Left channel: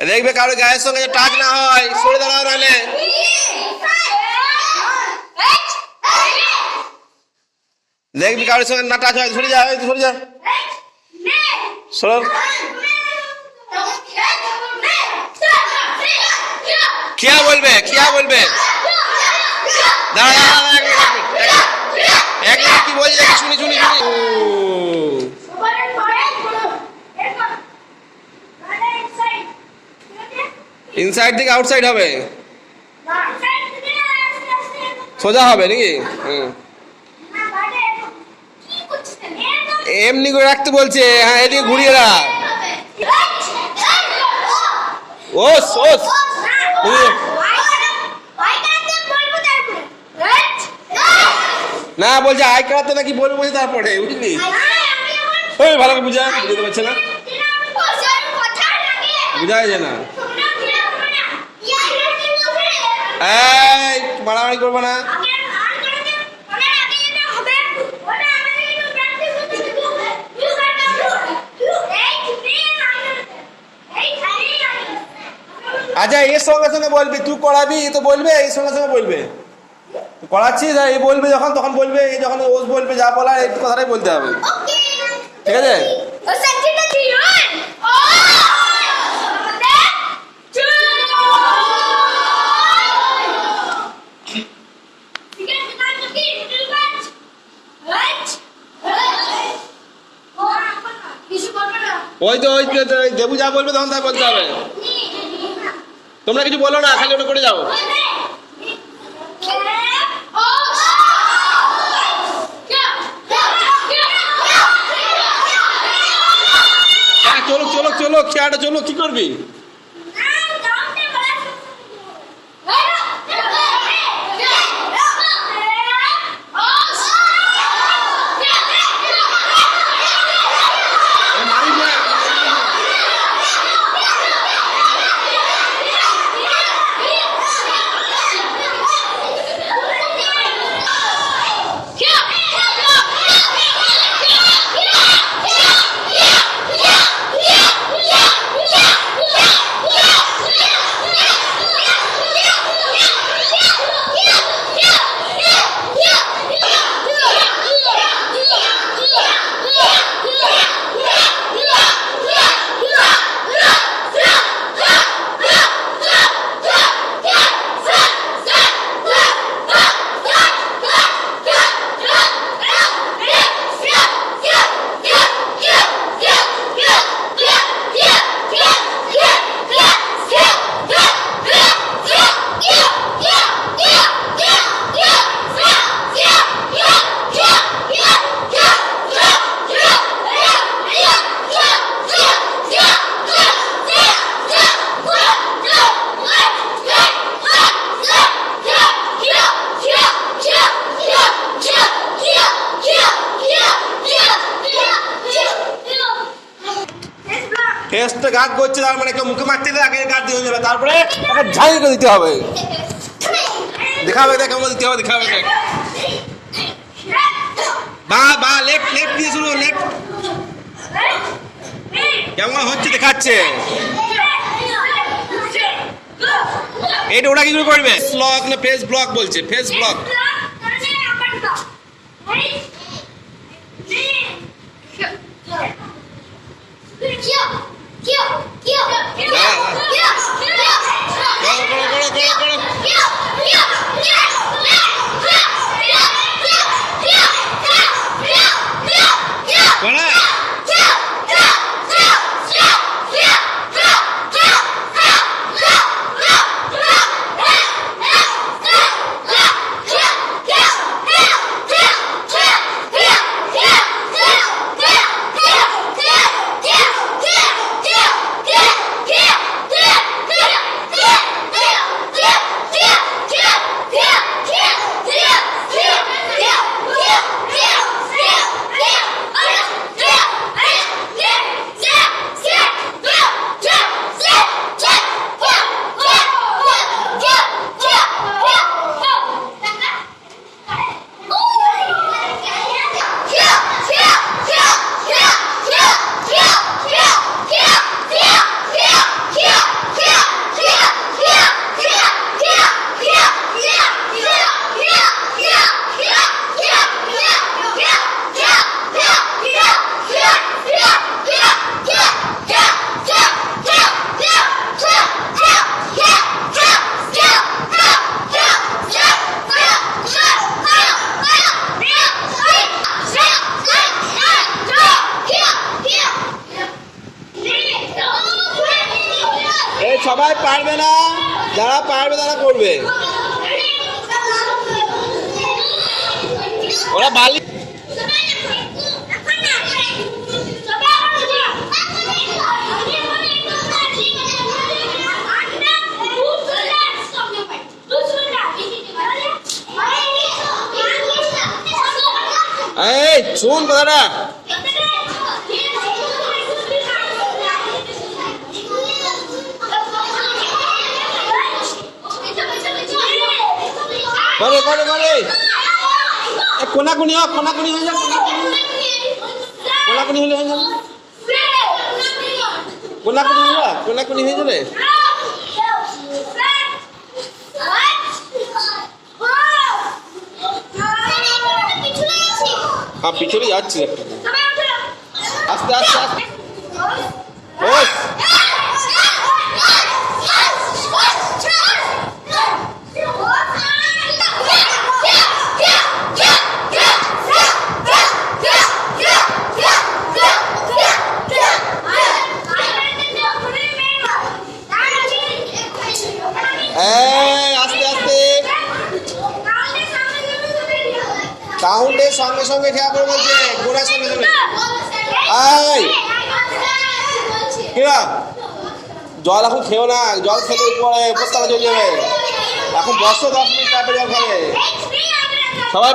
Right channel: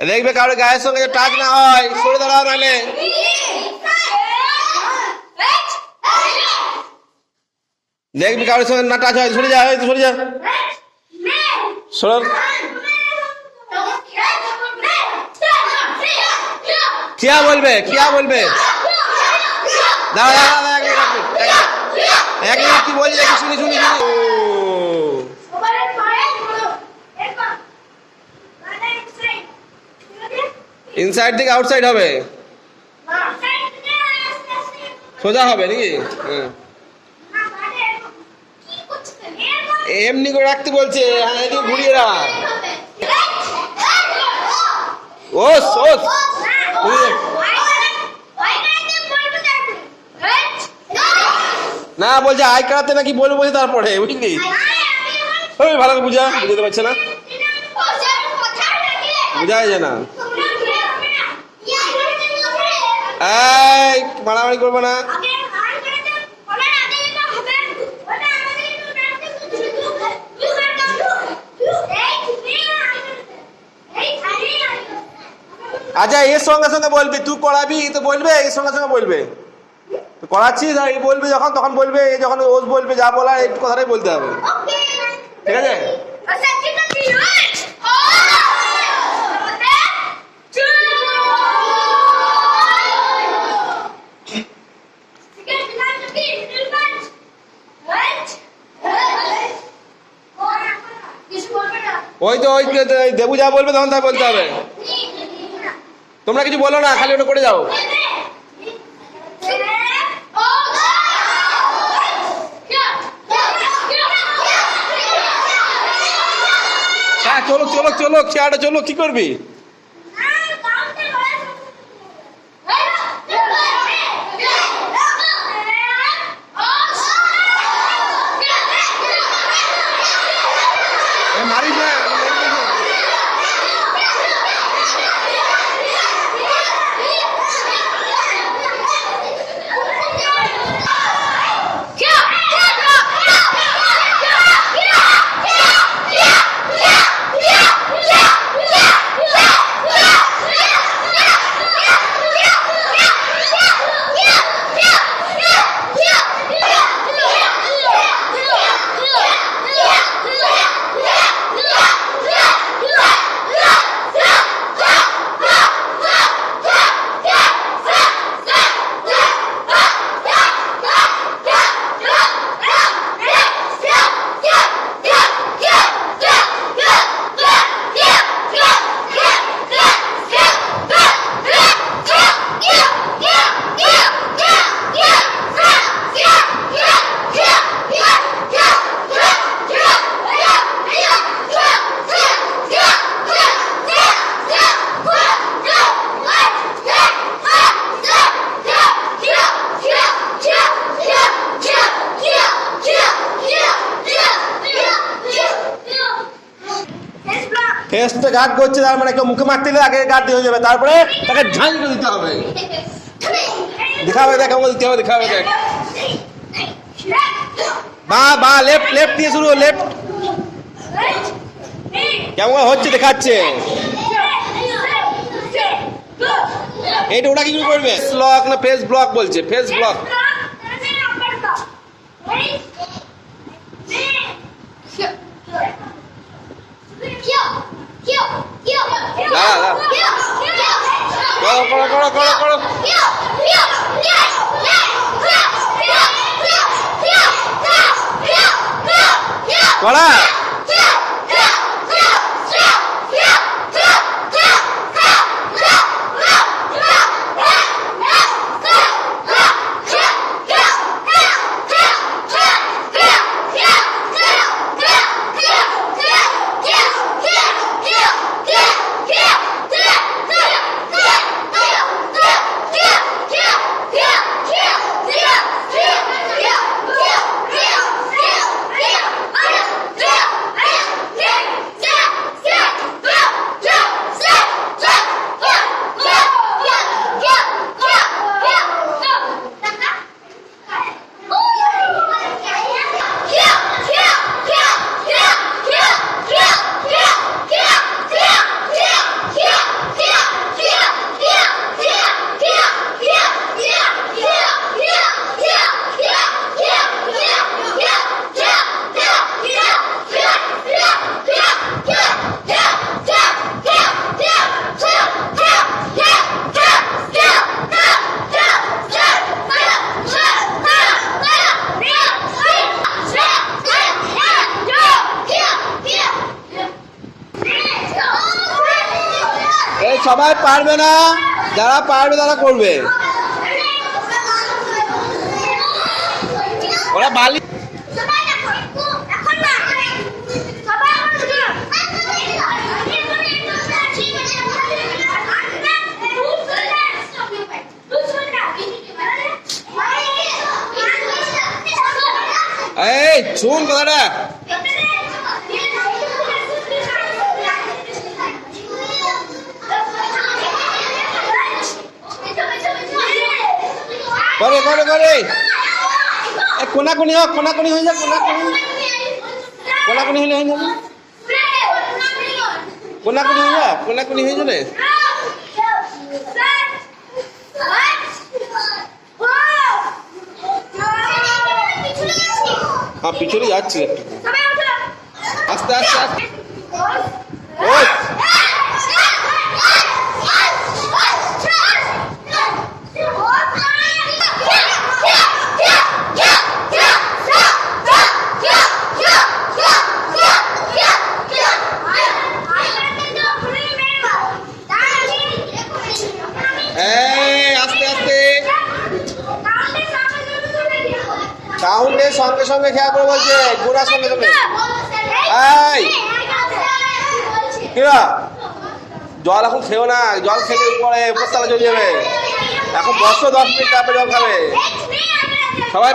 দেখবে কারো গায়ের সঙ্গে টাচ না হয়, সরে দাঁড়াও নাহলে। দেখবি কারোর সঙ্গে না টাচ হয়, সরে যা, সরে যা, সর। কিয়া বলবে, কিয়া বলবে? দাঁড়া দাঁড়া, এক মিনিট কি বলছে দেখি, শুনি শুনি শুনি। ইনসাইড থেকে আউটসাইড হবে, সোজা হবে নাকি? এমনি করে রাখতে বলছে। হ্যাঁ, এদিকে ঘুরিয়ে রাখ। ওস ওস, না বলছে আই কাটাতে নাকি বলবো বলছে, তারপরে বুঝলি? ওই ভালো করে বুঝা, বুঝতে পারছে না, বুঝা যায় না। এই মারামারি করবো না। আচ্ছা, এর সঙ্গে সঙ্গে বলবি, তুই করাবি তো বলবে, এর সঙ্গে সঙ্গে বলবে করাচ্ছিস, এই বলবে যখন তখন বলবে, যখন ওস বলবে যা বলা এই কথাটাই বলতে হবে, ঠিক আছে? ওই তো দেবু যা বলবে তখন তাই বলতে হবে। তোমরা কিছু বলো না, খালি ওটা করে যাও। হ্যাঁ, চলো চলো চলো, খেয়াটা চলো, কি করবি? ফেসটা গার্ড করছে, তার মানে কেউ মুখে মারতে দিলে আগে গার্ড দিয়ে হয়ে যাবে, তারপরে তাকে ঝাঁই করে দিতে হবে। দেখাবে দেখ কেমন দিতে হবে, দেখাবে দেখ। বা বা লেফট লেফট দিয়ে শুরু, লেফট কেমন হচ্ছে দেখাচ্ছে। এইটা ওটা কি করে করবে? ব্লক না ফেস ব্লক বলছে, ফেস ব্লক। করো করো করো করো। করা সবাই পারবে না, যারা পারবে তারা করবে। ওরা বালি এই শুন কথাটা, করে করে করে কোনাকুনি হোক, কোনাকুনি হয়ে যাক, কোনাকুনি হলে হয়ে যাবে, কোনাকুনি হয়ে যা, কোনাকুনি হয়ে যাবে। হ্যাঁ পিছনে যাচ্ছি একটু, আস্তে আস্তে আস্তে। ওই আস্তে আস্তে কাউন্টের সঙ্গে সঙ্গে খেয়া করে বলছে, গোনার সঙ্গে সঙ্গে। এই কিরা জল এখন খেও না, জল খেলে পরে উপরতলা চলে যাবে। এখন বসো 10 মিনিট, তারপরে জল খাবে সবাই।